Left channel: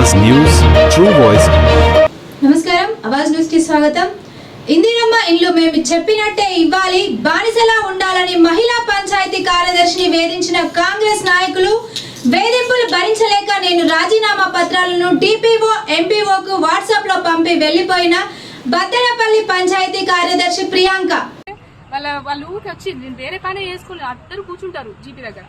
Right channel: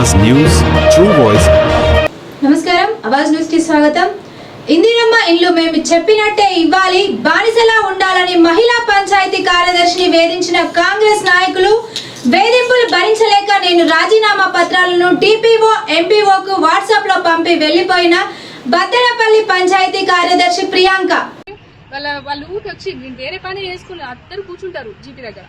Avaz News, True Voice. నమస్కారం అవాజ్ న్యూస్కి స్వాగతం. ఇందిరమ్మ ఇల్లు మేము చెప్పినట్టే ఇవ్వాలి బానిసలా ఉండాలని మహిళా పంచాయతీ కార్యదర్శిని వేధించిన కాంగ్రెస్ నాయకులు వేధింపులు భరించలేక నేను రాజీనామా పత్రాలను టీపీఓ ఎంపీఓకు వాట్సాప్లో పంపి వెళ్ళిపోయిన బద్దెనపల్లి పంచాయతీ కార్యదర్శి ప్రియాంక. వాళ్ళ వాళ్ళు ఊరికి వచ్చి వేరే పని చేసుకుని అందరూ కూర్చుంటారు జీపీ దగ్గర.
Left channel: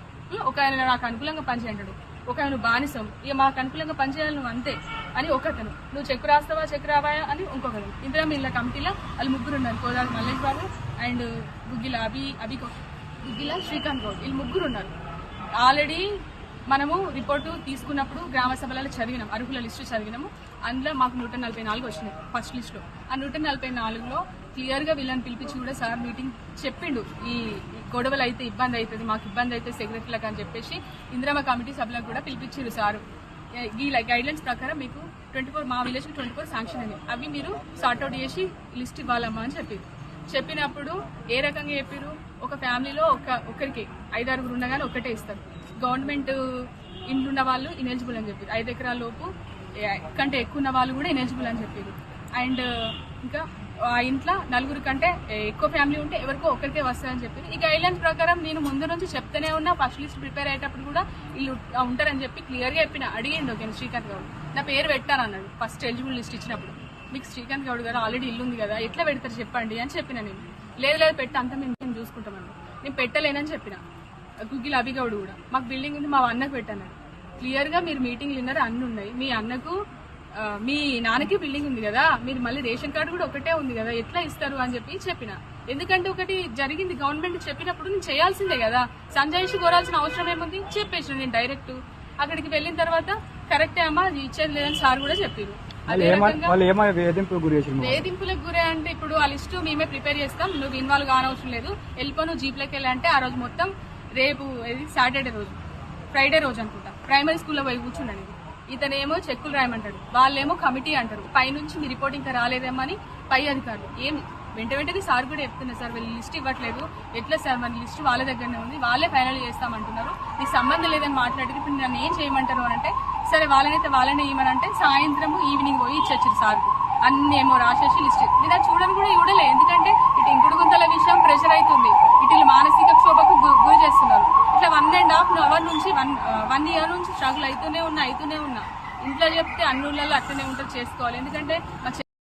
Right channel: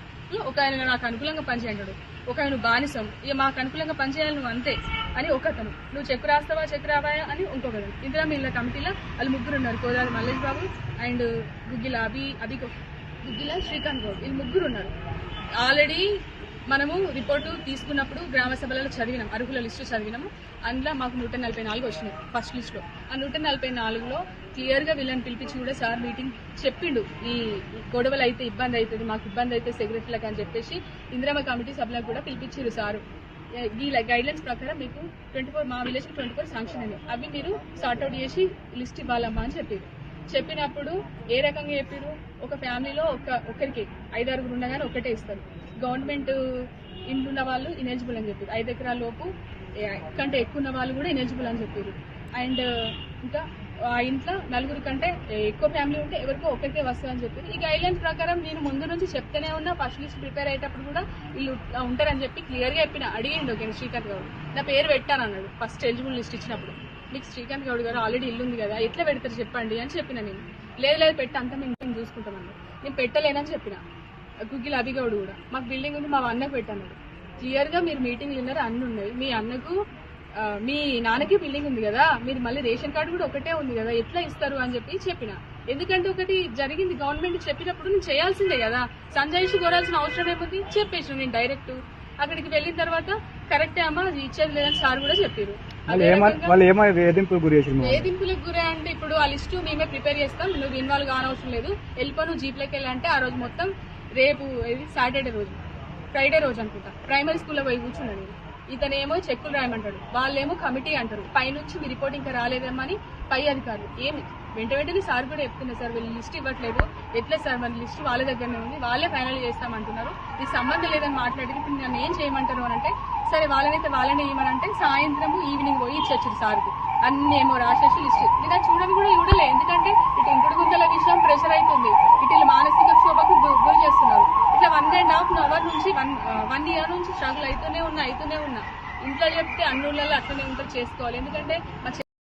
ఒక ఆయన నాకు అనుకూలంగా పని చేయంటాడు ఒక ఆయన బానిసం. ఇక మాకు అనుకూలంగా పనిచేయాలి నువ్వు అంతే అని ఒకతను. నువ్వు చెక్ రాస్తావా చెక్ రావాయా అని ఇంకొకరు ఇందిరా మిల్ల కమిటీలో వాళ్ళు ముగ్గురు ఉన్నారు కోదాలి మల్లేష్ బాబు అండ్ గుగ్గిల అభి అభి గుగ్గిల శ్రీకాంత్ గౌడ్. వీళ్ళు ముగ్గురు ఉన్నారు. ఆల్రెడీ మనము రిపోర్టు తీసుకున్నప్పుడు గ్రామ సభలలో చదివినాం అర్హుల లిస్టు చదివినాము. అందులో మాకు నూట నలభై నాలుగు వచ్చినాయి ఫస్ట్ లిస్టులో. ఆ నూట నలభై నాలుగులో క్లియర్గా వీళ్ళని పిలిపించి కూడా సార్ మీటింగ్ చెప్పిండు. ఈ గొడవలు అయితే ఇబ్బంది అవుతుంది మాకు ఇబ్బంది అయితే సెక్రటరీలకు అని చెప్పేసి ఇందిరామ కమిటీ సభ్యులకు కూడా పిలిపించారు సారు. ఈ గైడ్ లైన్స్ ప్రకారం మీకు ట్వంటీ ఫోర్ మా విలేజ్ ట్వంటీ ఫోర్ శాంక్షన్ అని అవి మీరు సార్ట్అవుట్ చేసి లిస్ట్ ఇవ్వాలమ్మా అని చెప్పారు చెప్పినప్పుడు ఏ రకంగా చెప్పారు ఒక ఫ్యామిలీలో ఒక ఒకరికి ఐదారుగురు ఉండగానే ఒకటే ఇస్తారు. గవర్నమెంట్ ఇండ్లున్న వాళ్ళు ఇనెలిజిబుల్ అని చెప్పారు ఐదు ఎకరాల లోపు కంటే ఎక్కువ ఉన్న వాళ్ళు కూడా ఇనెలిజిబుల్ అని చెప్పారు అండ్ ఇంకా ఆ ఇంట్లో నలుగురు కంటే ఎక్కువ ఫ్యామిలీ ఉంటే ఎవరికో ఒకరికే వస్తాయని చెప్పారు ఈ గైడ్లైన్ ప్రకారం నేను ముందు నుంచి చెప్తూనే ఉన్నా ఫస్ట్ లిస్ట్ ప్రిపేర్ అయ్యేటప్పుడు కూడా వీళ్ళు ఉంటారని చెప్పి క్లియర్గా చెప్పిన అడిగిండు ఓకే శ్రీకాంత్ గౌడ్. నా పేరు పెట్టాను అన్నాడు ఫస్ట్ ఎలిజిబుల్ లిస్ట్ ఇచ్చినప్పుడు. మీకు శ్రీకాంత్ గౌడ్ గారు ఆల్రెడీ ఇల్లు ఉంది కదా ఎట్లా పెడతారు చెప్పండి? అని చెప్పిన నేను. లేదు లేదు పెట్టా అంతా మేము మేము చూసుకుంటామని నేను పెట్టలేనని చెప్పిన. గుగ్గిల్ అభిగౌడ్ కూడా. మాకు బిల్డింగ్ ఉంది మా అన్నకు పెట్టాను క్లియర్గా మీరు మీటింగ్లు విన్నారు అన్ని ఉన్నాయి మీ అన్నకు మీ నాన్నకి బిల్డింగ్ ఉంది కదా మీరు మళ్ళీ రేషన్ కార్డు కూడా ఒకటే ఉంది కదా ఎట్లా ఇస్తారు అని చెప్పి చెప్పిన. ఎందుకంటే ఒకటి జరిగింది గవర్నమెంట్ చెప్పినప్పుడు నేను చేయాల్సిందే కదా సంజాయిషి కోరాల్సిన అవసరం ఏముంది? చెప్పేసి నేను డైరెక్ట్ అక్కడికి వెళ్ళిన తర్వాత కరెక్టే అమ్మా అది ఇచ్చేది లేదని సార్ కూడా చెప్పారు. వేధింపులకు గురే అంటే ఇప్పుడు ఆ లిస్టు మేమే ప్రిపేర్ చేస్తాం నువ్వు ఇన్వాల్వ్ కానవసరం లేదు. వెళ్ళిపో నువ్వు జీప్లోకి వెళ్ళాలంటే ఆ రోజు మొత్తం రేపు సాటర్డే రోజు. ఫ్రైడే రోజు అనుకుంటా. ప్రైమరీ స్కూల్లో పోయి కూర్చున్నాడు ఈయన. ఇతనేమో చెక్కులు రాయమంటాడు. వాళ్ళేమో కమిటీ అంటారు. పైనుంచి మీ రిపోర్ట్ ఇంకా రాలేదేమో అని పై అధికారులు. ఏమి? వెంట వెంటనే సార్ కూడా చెప్తున్నారు సార్ వీళ్ళు లిస్ట్ ఇవ్వట్లేదు. ఎట్లా సార్ మన లిస్ట్ వాళ్ళ దగ్గరనే ఉంది. వాళ్ళే ఫైనల్ చేస్తామంటున్నారు. నీకు సంబంధం లేదని మాట్లాడితే ఇప్పుడు నన్ను ఏం చేయమంటారు? అని అంటే సరే వాళ్ళనైతే వాళ్ళనే ఇవ్వనంటే సాయంత్రం ఈవినింగ్ పోయి ఇచ్చొచ్చింది సార్కు. అన్ని ఏమో రాసేసి లిస్ట్ ఇది చూడని కూడా చూడలే. ఎందుకంటే ఇటు ఇంకుడు గుంతల విషయం ప్రెషర్ అవుతుంది. ఇటు అవుతూనే ఉన్నా అవుతూనే ఉన్నా. ఇంట్లో చెప్తే అన్ని ఊళ్ళల్లో అట్లనే ఉంటుంది చేసుకోవాలి. ఎందుకంటే మా